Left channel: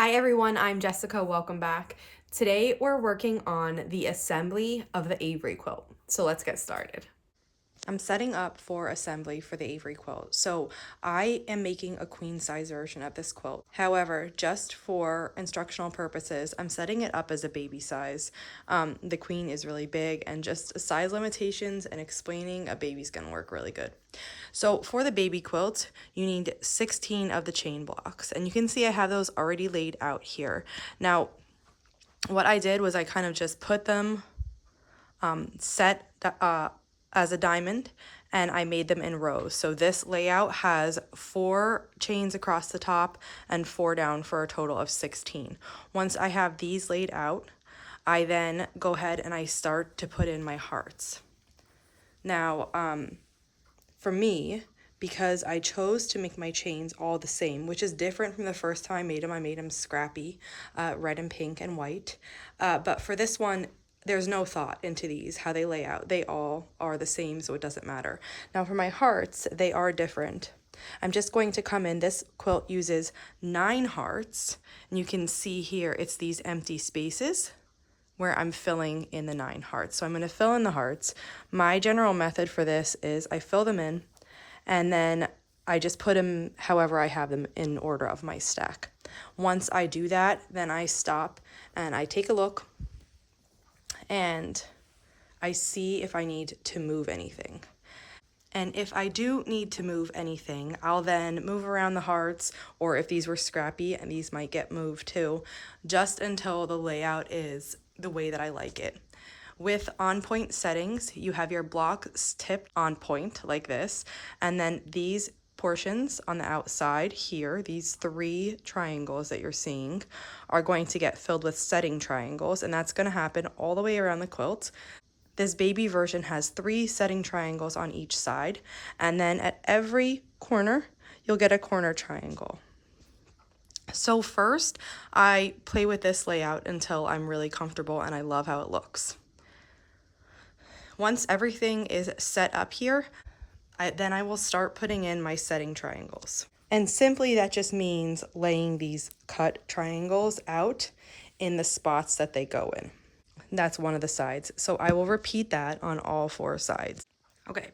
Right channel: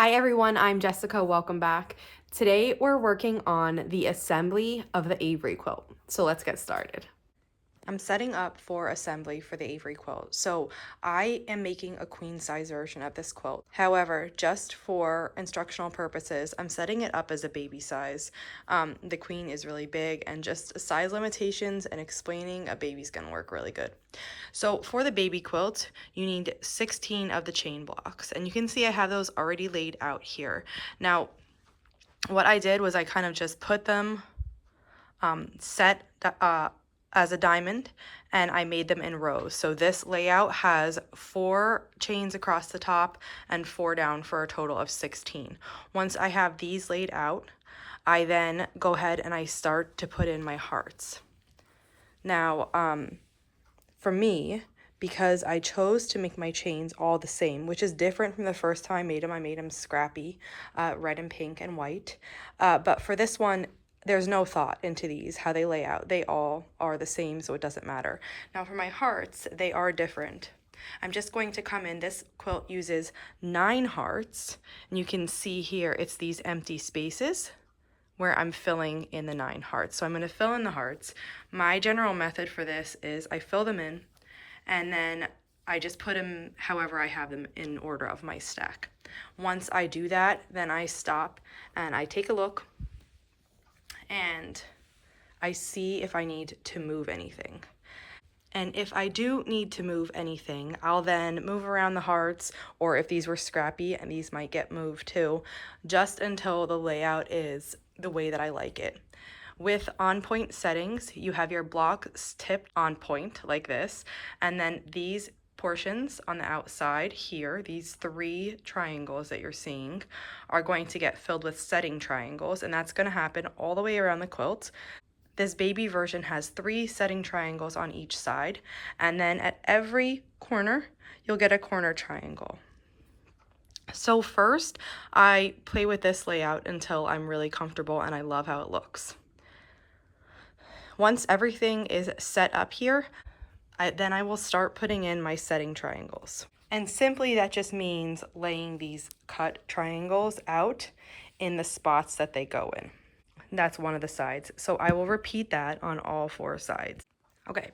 Hi everyone, I'm Jessica, welcome back. Today we're working on the assembly of the Avery quilt. So let's get started. I'm setting up for assembly for the Avery quilt. So I am making a queen size version of this quilt. However, just for instructional purposes, I'm setting it up as a baby size. The queen is really big, and just size limitations and explaining a baby's gonna work really good. So for the baby quilt, you need 16 of the chain blocks, and you can see I have those already laid out here. Now, what I did was I kind of just put them set as a diamond, and I made them in rows. So this layout has 4 chains across the top and 4 down for a total of 16. Once I have these laid out, I then go ahead and I start to put in my hearts. Now, for me, because I chose to make my chains all the same, which is different from the first time I made them scrappy, red and pink and white. But for this one, there's no thought into these, how they lay out. They all are the same, so it doesn't matter. Now for my hearts, they are different. I'm just going to come in, this quilt uses 9 hearts, and you can see here, it's these empty spaces where I'm filling in the 9 hearts. So I'm gonna fill in the hearts. My general method for this is I fill them in, and then I just put them however I have them in order of my stack. Once I do that, then I stop and I take a look and I see if I need to move anything. And if I do need to move anything, I'll then move around the hearts, or if these were scrappy, and these might get moved too, just until the layout is the way that I like it. With on-point settings, you have your blocks tipped on point like this, and then these portions on the outside here, these 3 triangles that you're seeing, are going to get filled with setting triangles, and that's going to happen all the way around the quilt. This baby version has 3 setting triangles on each side, and then at every corner, you'll get a corner triangle. So first, I play with this layout until I'm really comfortable and I love how it looks. Once everything is set up here, then I will start putting in my setting triangles. And simply that just means laying these cut triangles out in the spots that they go in. That's one of the sides. So I will repeat that on all 4 sides. Okay.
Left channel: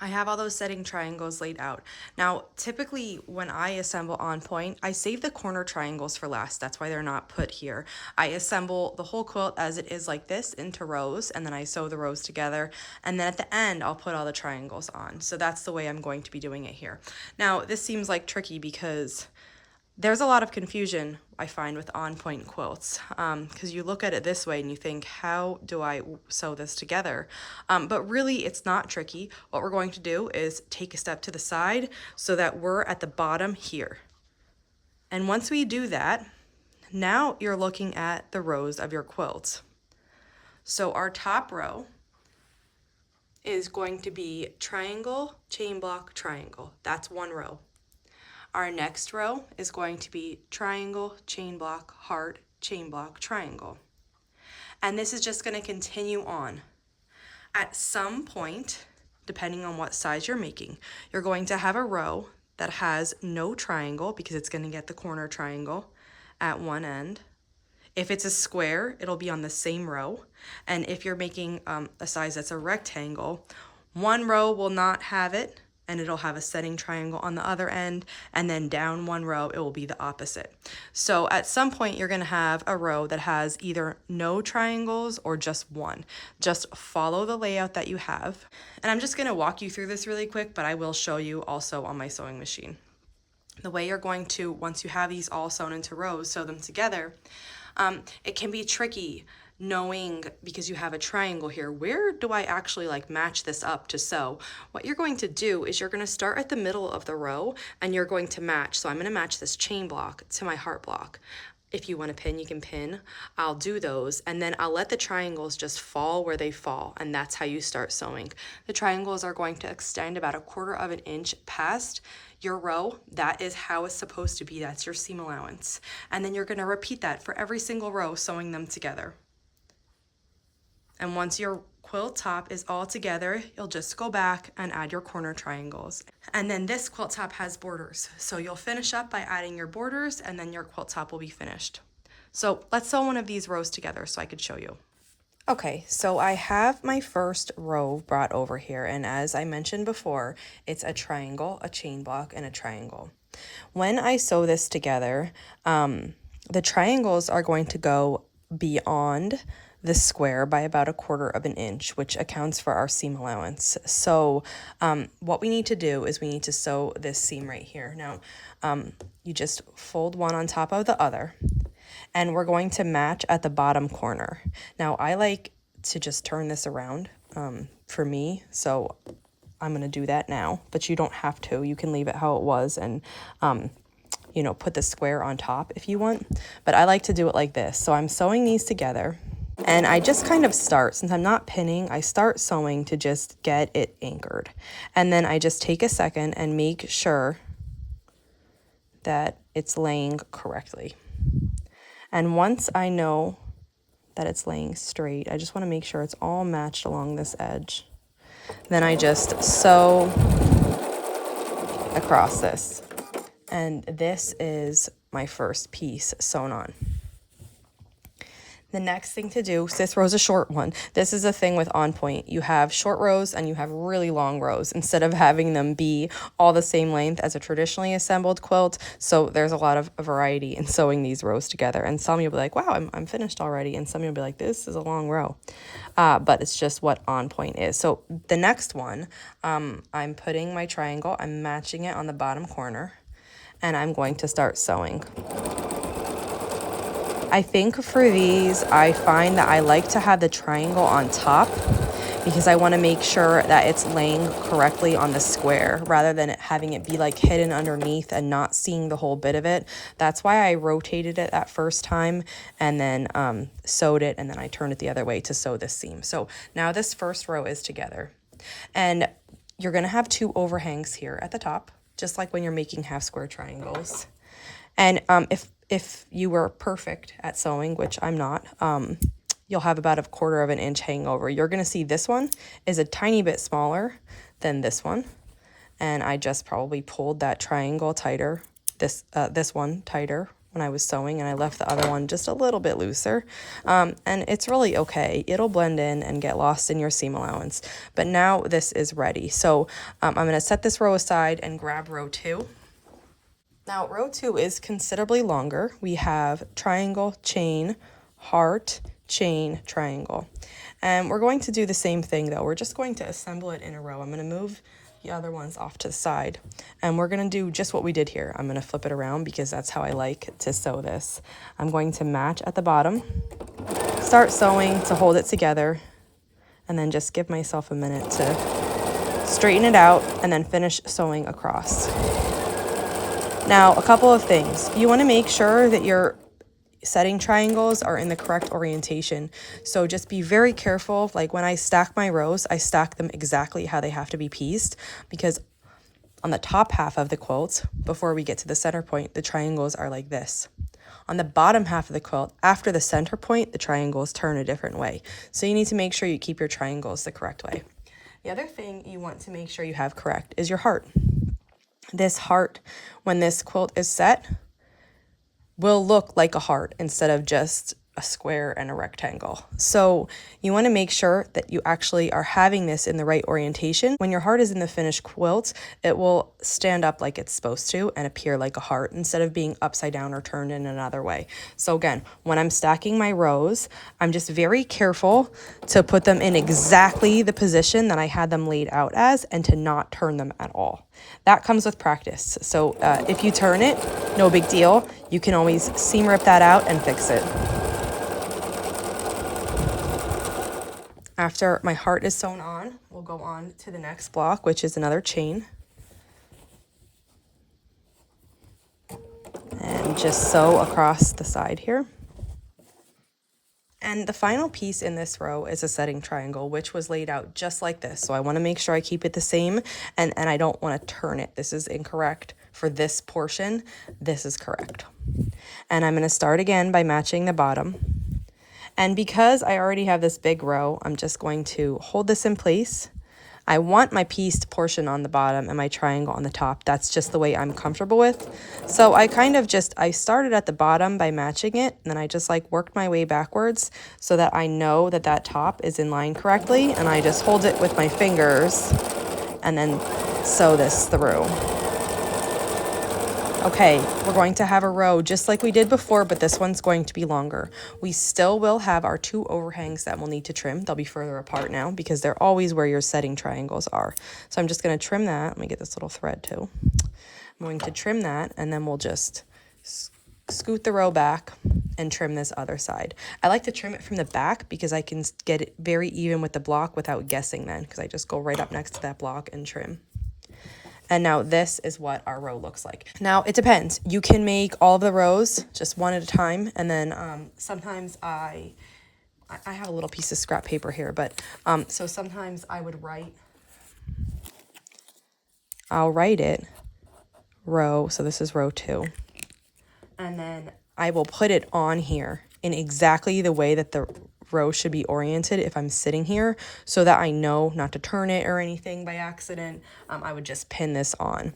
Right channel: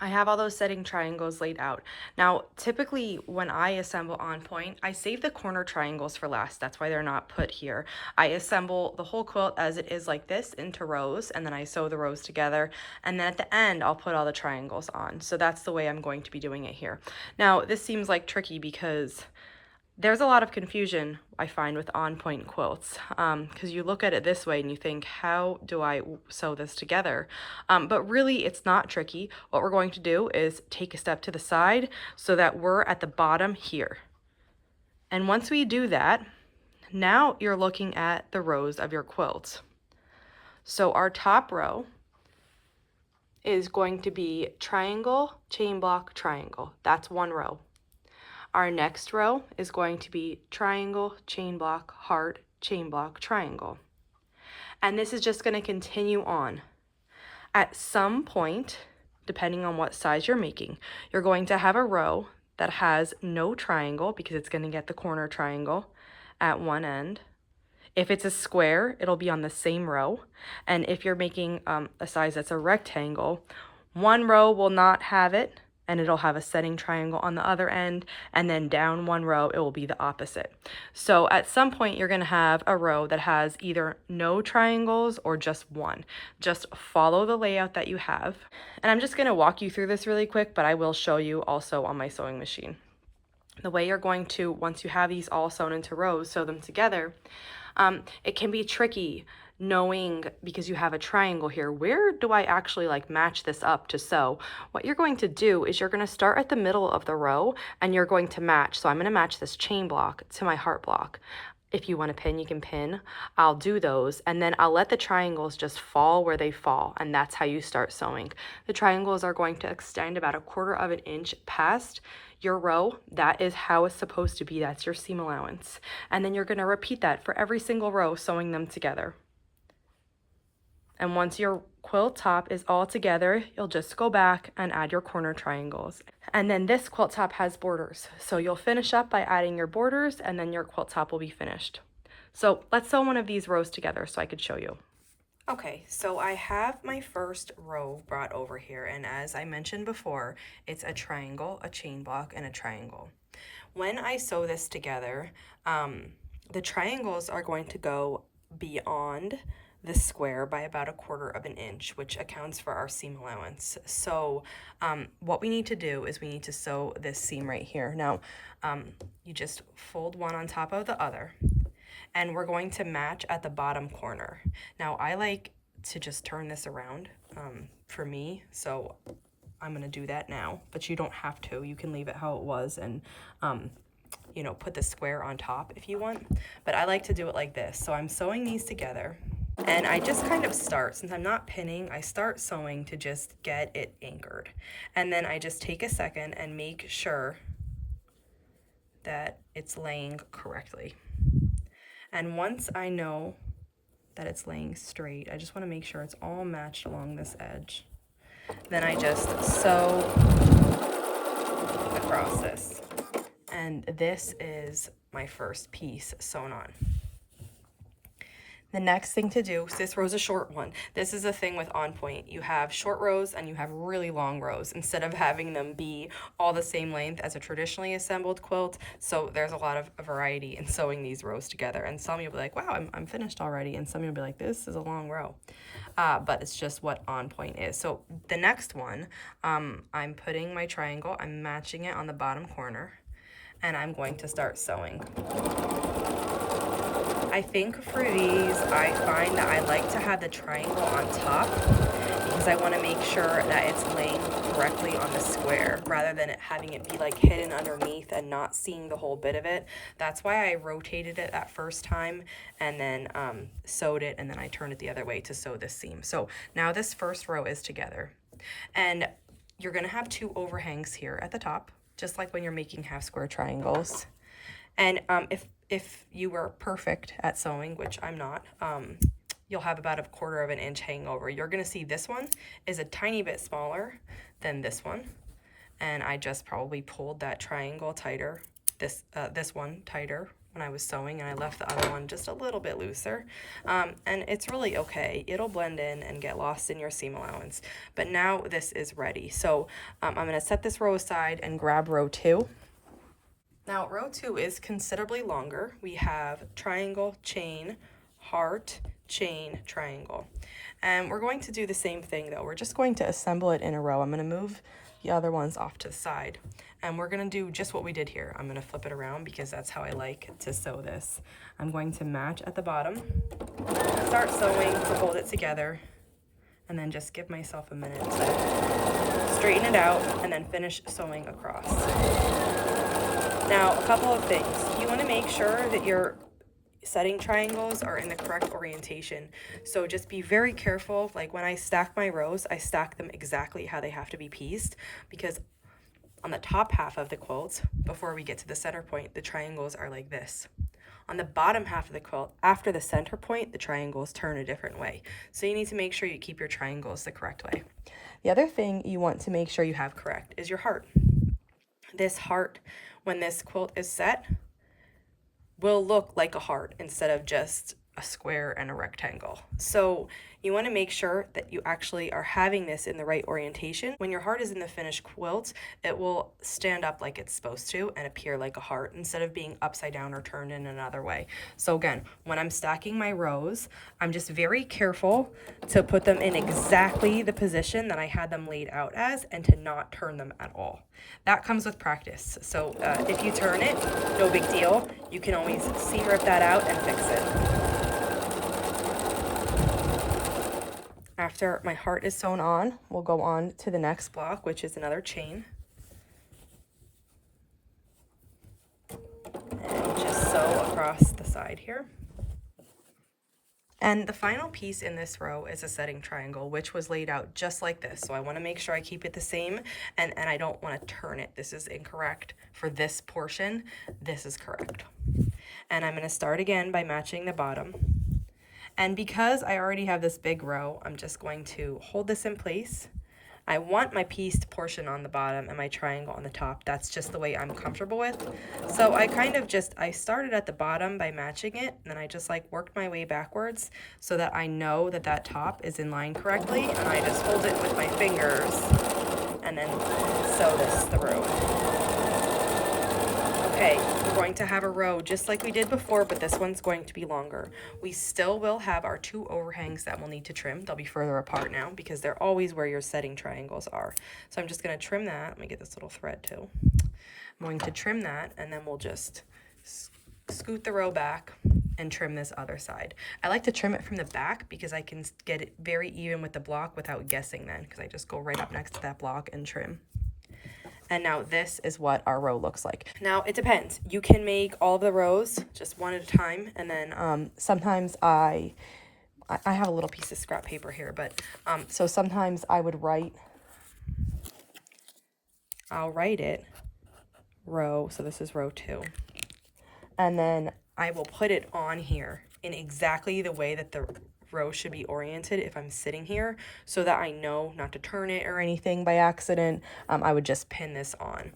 I have all those setting triangles laid out. Now, typically when I assemble on point, I save the corner triangles for last. That's why they're not put here. I assemble the whole quilt as it is like this into rows, and then I sew the rows together. And then at the end, I'll put all the triangles on. So that's the way I'm going to be doing it here. Now, this seems like tricky because there's a lot of confusion I find with on-point quilts, because you look at it this way and you think, how do I sew this together? But really, it's not tricky. What we're going to do is take a step to the side so that we're at the bottom here. And once we do that, now you're looking at the rows of your quilt. So our top row is going to be triangle, chain block, triangle. That's one row. Our next row is going to be triangle, chain block, heart, chain block, triangle. And this is just going to continue on. At some point, depending on what size you're making, you're going to have a row that has no triangle because it's going to get the corner triangle at one end. If it's a square, it'll be on the same row. And if you're making a size that's a rectangle, one row will not have it, and it'll have a setting triangle on the other end, and then down one row, it will be the opposite. So at some point, you're gonna have a row that has either no triangles or just one. Just follow the layout that you have. And I'm just gonna walk you through this really quick, but I will show you also on my sewing machine. The way you're going to, once you have these all sewn into rows, sew them together. It can be tricky knowing, because you have a triangle here, where do I actually like match this up to sew? What you're going to do is you're going to start at the middle of the row and you're going to match. So I'm going to match this chain block to my heart block. If you want to pin, you can pin. I'll do those, and then I'll let the triangles just fall where they fall, and that's how you start sewing. The triangles are going to extend about 1/4 of an inch past your row. That is how it's supposed to be. That's your seam allowance. And then you're going to repeat that for every single row, sewing them together. And once your quilt top is all together, you'll just go back and add your corner triangles. And then this quilt top has borders. So you'll finish up by adding your borders and then your quilt top will be finished. So let's sew one of these rows together so I could show you. Okay, so I have my first row brought over here, and as I mentioned before, it's a triangle, a chain block, and a triangle. When I sew this together, the triangles are going to go beyond the square by about 1/4 of an inch, which accounts for our seam allowance. So what we need to do is we need to sew this seam right here. Now, you just fold one on top of the other, and we're going to match at the bottom corner. Now, I like to just turn this around for me, so I'm going to do that now, but you don't have to. You can leave it how it was and you know, put the square on top if you want, but I like to do it like this. So I'm sewing these together, and I just kind of start, since I'm not pinning, I start sewing to just get it anchored. And then I just take a second and make sure that it's laying correctly. And once I know that it's laying straight, I just want to make sure it's all matched along this edge. Then I just sew across this. And this is my first piece sewn on. The next thing to do, so this row's a short one. This is a thing with On Point. You have short rows and you have really long rows instead of having them be all the same length as a traditionally assembled quilt. So there's a lot of variety in sewing these rows together. And some you'll be like, wow, I'm finished already. And some you'll be like, this is a long row. But it's just what On Point is. So the next one, I'm putting my triangle, I'm matching it on the bottom corner, and I'm going to start sewing. I think for these, I find that I like to have the triangle on top because I want to make sure that it's laying correctly on the square rather than having it be like hidden underneath and not seeing the whole bit of it. That's why I rotated it that first time and then sewed it, and then I turned it the other way to sew this seam. So now this first row is together, and you're going to have 2 overhangs here at the top, just like when you're making half square triangles. And if you were perfect at sewing, which I'm not, you'll have about 1/4 of an inch hangover. You're going to see this one is a tiny bit smaller than this one. And I just probably pulled that triangle tighter, this one tighter when I was sewing, and I left the other one just a little bit looser. And it's really okay. It'll blend in and get lost in your seam allowance. But now this is ready. So I'm going to set this row aside and grab row 2. Now, row 2 is considerably longer. We have triangle, chain, heart, chain, triangle. And we're going to do the same thing though. We're just going to assemble it in a row. I'm going to move the other ones off to the side, and we're going to do just what we did here. I'm going to flip it around because that's how I like to sew this. I'm going to match at the bottom, start sewing to hold it together, and then just give myself a minute to straighten it out and then finish sewing across. Now, a couple of things. You want to make sure that your setting triangles are in the correct orientation. So just be very careful. Like when I stack my rows, I stack them exactly how they have to be pieced, because on the top half of the quilt, before we get to the center point, the triangles are like this. On the bottom half of the quilt, after the center point, the triangles turn a different way. So you need to make sure you keep your triangles the correct way. The other thing you want to make sure you have correct is your heart. This heart, when this quilt is set, will look like a heart instead of just a square and a rectangle. So you want to make sure that you actually are having this in the right orientation. When your heart is in the finished quilt, it will stand up like it's supposed to and appear like a heart instead of being upside down or turned in another way. So again, when I'm stacking my rows, I'm just very careful to put them in exactly the position that I had them laid out as and to not turn them at all. That comes with practice. So if you turn it, no big deal. You can always seam rip that out and fix it. After my heart is sewn on, we'll go on to the next block, which is another chain. And just sew across the side here. And the final piece in this row is a setting triangle, which was laid out just like this. So I want to make sure I keep it the same, and I don't want to turn it. This is incorrect for this portion. This is correct. And I'm going to start again by matching the bottom. And because I already have this big row, I'm just going to hold this in place. I want my pieced portion on the bottom and my triangle on the top. That's just the way I'm comfortable with. So I kind of I started at the bottom by matching it, and then I just like worked my way backwards so that I know that that top is in line correctly, and I just hold it with my fingers and then sew this through. Okay, we're going to have a row just like we did before, but this one's going to be longer. We still will have our 2 overhangs that we'll need to trim. They'll be further apart now because they're always where your setting triangles are. So I'm just going to trim that. Let me get this little thread too. I'm going to trim that, and then we'll just scoot the row back and trim this other side. I like to trim it from the back because I can get it very even with the block without guessing then, because I just go right up next to that block and trim. And now this is what our row looks like. Now it depends. You can make all of the rows just one at a time, and then sometimes I have a little piece of scrap paper here, but so sometimes I would I'll write it row, so this is row 2, and then I will put it on here in exactly the way that the row should be oriented if I'm sitting here, so that I know not to turn it or anything by accident. I would just pin this on.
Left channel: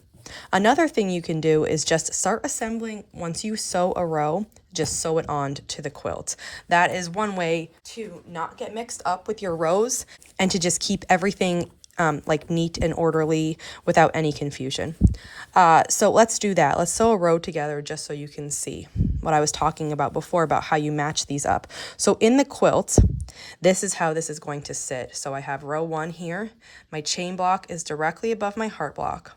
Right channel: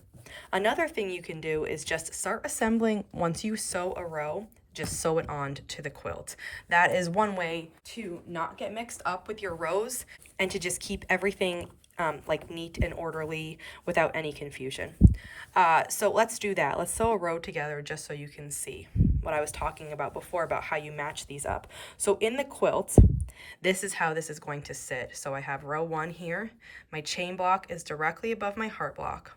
Another thing you can do is just start assembling. Once you sew a row, just sew it on to the quilt. That is one way to not get mixed up with your rows and to just keep everything like neat and orderly without any confusion. So let's do that. Let's sew a row together just so you can see what I was talking about before about how you match these up. So in the quilt, this is how this is going to sit. So I have row 1 here. My chain block is directly above my heart block,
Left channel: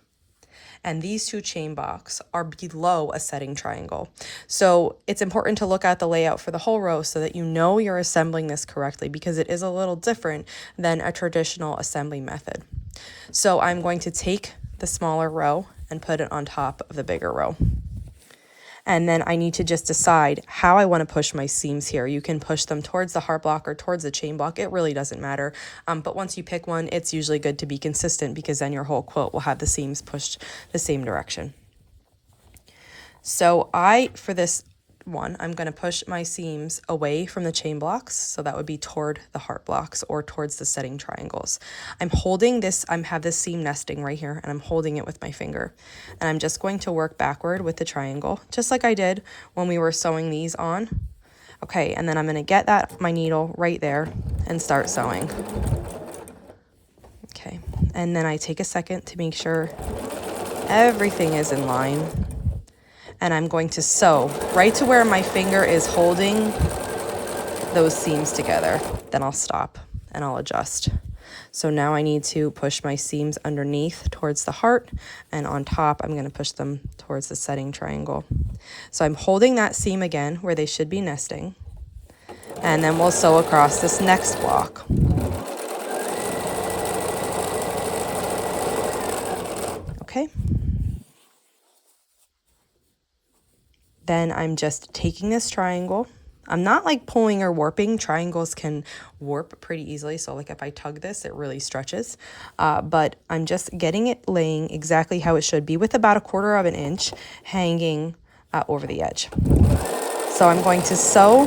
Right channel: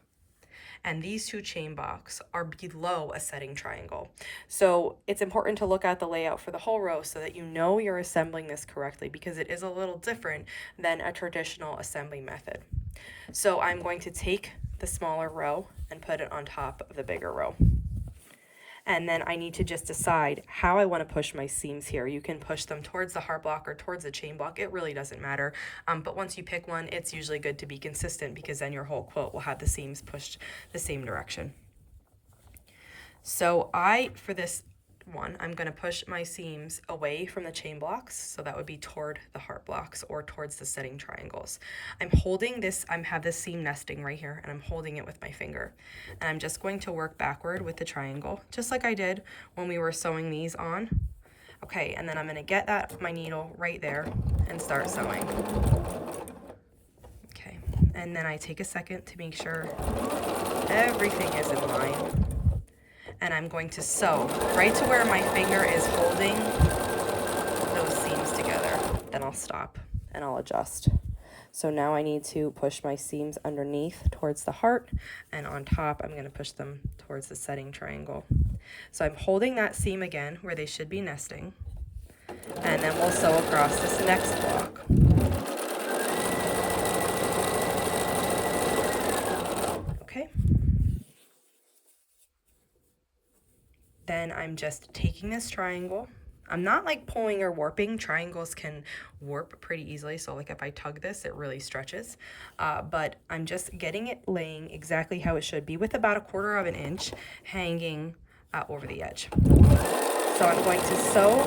and these 2 chain blocks are below a setting triangle. So it's important to look at the layout for the whole row so that you know you're assembling this correctly, because it is a little different than a traditional assembly method. So I'm going to take the smaller row and put it on top of the bigger row. And then I need to just decide how I want to push my seams here. You can push them towards the heart block or towards the chain block. It really doesn't matter. But once you pick one, it's usually good to be consistent, because then your whole quilt will have the seams pushed the same direction. So for this one, I'm going to push my seams away from the chain blocks. So that would be toward the heart blocks or towards the setting triangles. I'm holding this, I have this seam nesting right here, and I'm holding it with my finger. And I'm just going to work backward with the triangle, just like I did when we were sewing these on. Okay, and then I'm going to get my needle right there and start sewing. Okay, and then I take a second to make sure everything is in line. And I'm going to sew right to where my finger is holding those seams together. Then I'll stop and I'll adjust. So now I need to push my seams underneath towards the heart, and on top I'm going to push them towards the setting triangle. So I'm holding that seam again where they should be nesting, and then we'll sew across this next block. Okay. Then I'm just taking this triangle. I'm not like pulling or warping. Triangles can warp pretty easily. So like if I tug this, it really stretches. But I'm just getting it laying exactly how it should be, with about 1/4 of an inch hanging over the edge. So I'm going to sew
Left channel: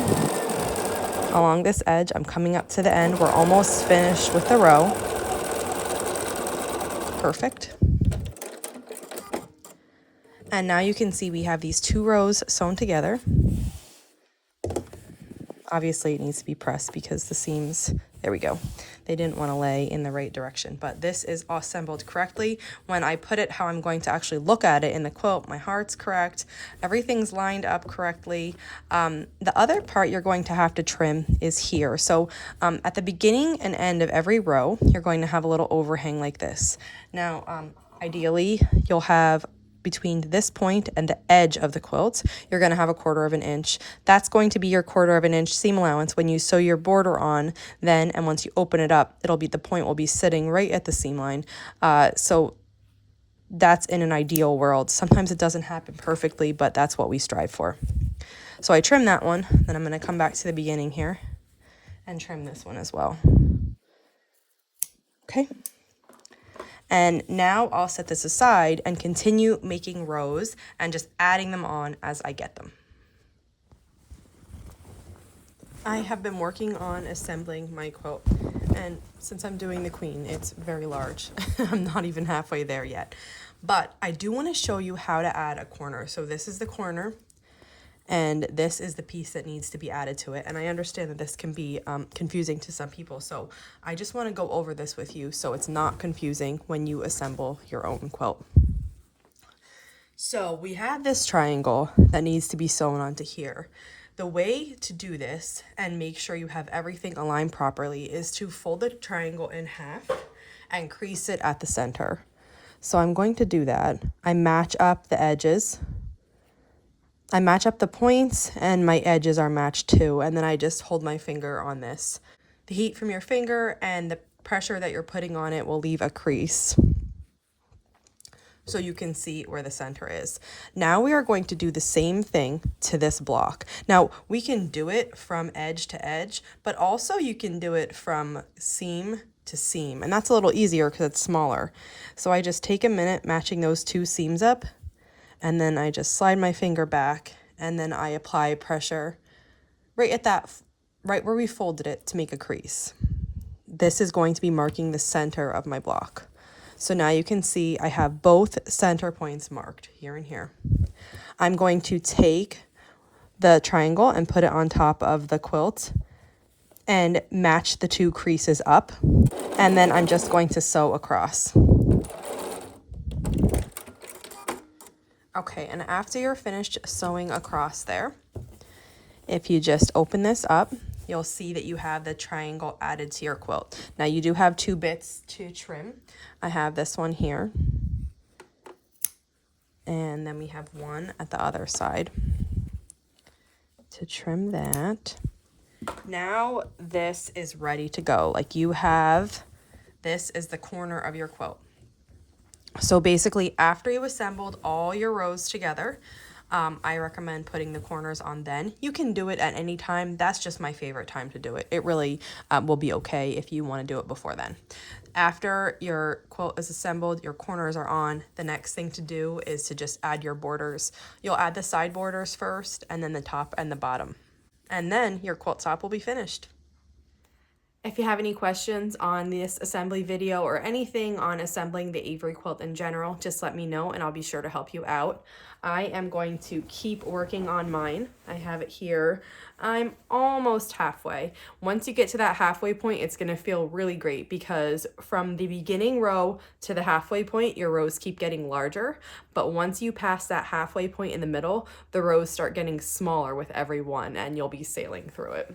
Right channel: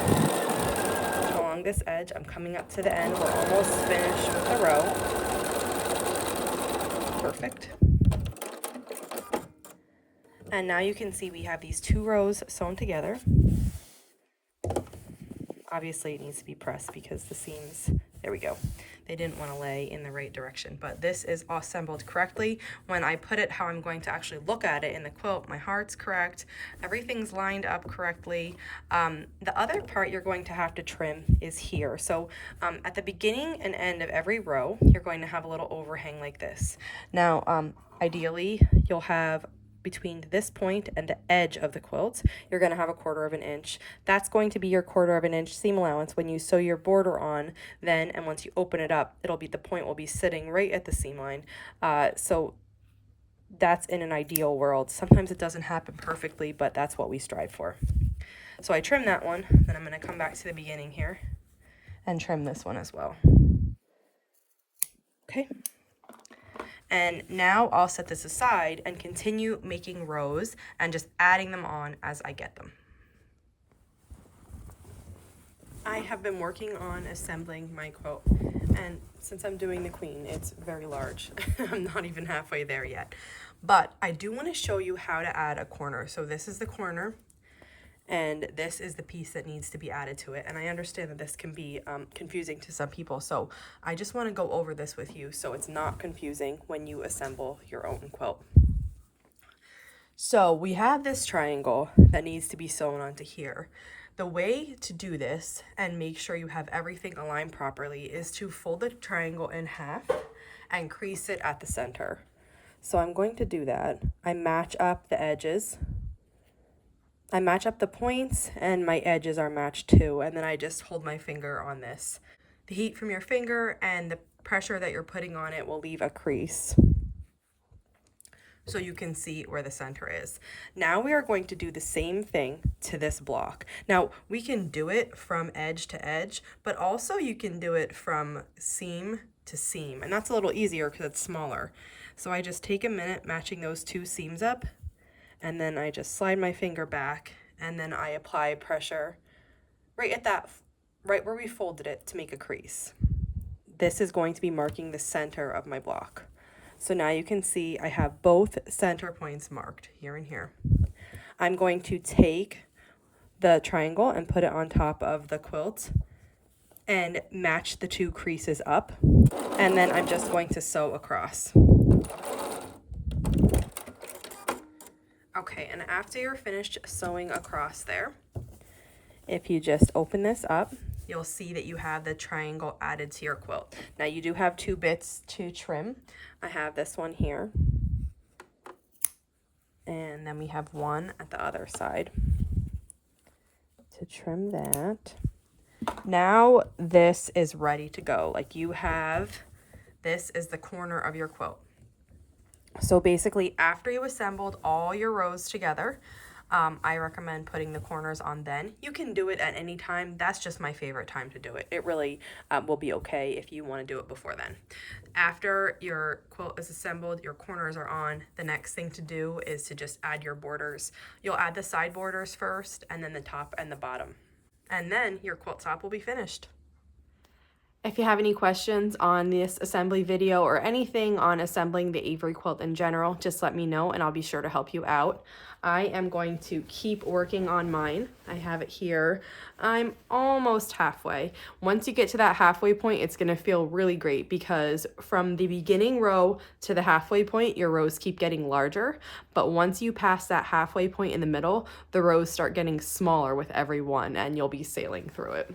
along this edge. I'm coming up to the end. We're almost finished with the row. Perfect. And now you can see we have these 2 rows sewn together. Obviously it needs to be pressed because the seams, there we go, they didn't want to lay in the right direction, but this is assembled correctly. When I put it how I'm going to actually look at it in the quilt, my heart's correct, everything's lined up correctly. The other part you're going to have to trim is here. So at the beginning and end of every row, you're going to have a little overhang like this. Now, ideally, you'll have between this point and the edge of the quilt, you're going to have 1/4 of an inch. That's going to be your 1/4 of an inch seam allowance when you sew your border on then, and once you open it up, the point will be sitting right at the seam line. So that's in an ideal world. Sometimes it doesn't happen perfectly, but that's what we strive for. So I trim that one, then I'm going to come back to the beginning here and trim this one as well. Okay. And now I'll set this aside and continue making rows and just adding them on as I get them. I have been working on assembling my quilt, and since I'm doing the queen, it's very large. I'm not even halfway there yet. But I do want to show you how to add a corner. So this is the corner, and this is the piece that needs to be added to it. And I understand that this can be confusing to some people. So I just want to go over this with you so it's not confusing when you assemble your own quilt. So we have this triangle that needs to be sewn onto here. The way to do this and make sure you have everything aligned properly is to fold the triangle in half and crease it at the center. So I'm going to do that. I match up the edges. I match up the points and my edges are matched too. And then I just hold my finger on this. The heat from your finger and the pressure that you're putting on it will leave a crease, so you can see where the center is. Now we are going to do the same thing to this block. Now we can do it from edge to edge, but also you can do it from seam to seam, and that's a little easier because it's smaller. So I just take a minute matching those two seams up, and then I just slide my finger back, and then I apply pressure right where we folded it to make a crease. This is going to be marking the center of my block. So now you can see I have both center points marked here and here. I'm going to take the triangle and put it on top of the quilt and match the two creases up. And then I'm just going to sew across. Okay, and after you're finished sewing across there, if you just open this up, you'll see that you have the triangle added to your quilt. Now you do have two bits to trim. I have this one here, and then we have one at the other side to trim that. Now this is ready to go. Like this is the corner of your quilt. So basically after you assembled all your rows together, I recommend putting the corners on then. You can do it at any time. That's just my favorite time to do it. It really will be okay if you want to do it before then. After your quilt is assembled, your corners are on, the next thing to do is to just add your borders. You'll add the side borders first, and then the top and the bottom. And then your quilt top will be finished. If you have any questions on this assembly video or anything on assembling the Avery quilt in general, just let me know and I'll be sure to help you out. I am going to keep working on mine. I have it here. I'm almost halfway. Once you get to that halfway point, it's going to feel really great because from the beginning row to the halfway point, your rows keep getting larger. But once you pass that halfway point in the middle, the rows start getting smaller with every one and you'll be sailing through it.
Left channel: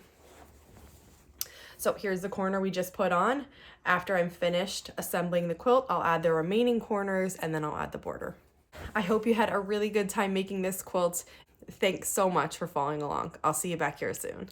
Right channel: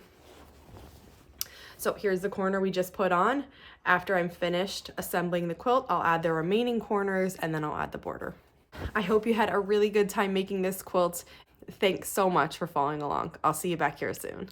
So here's the corner we just put on. After I'm finished assembling the quilt, I'll add the remaining corners and then I'll add the border. I hope you had a really good time making this quilt. Thanks so much for following along. I'll see you back here soon.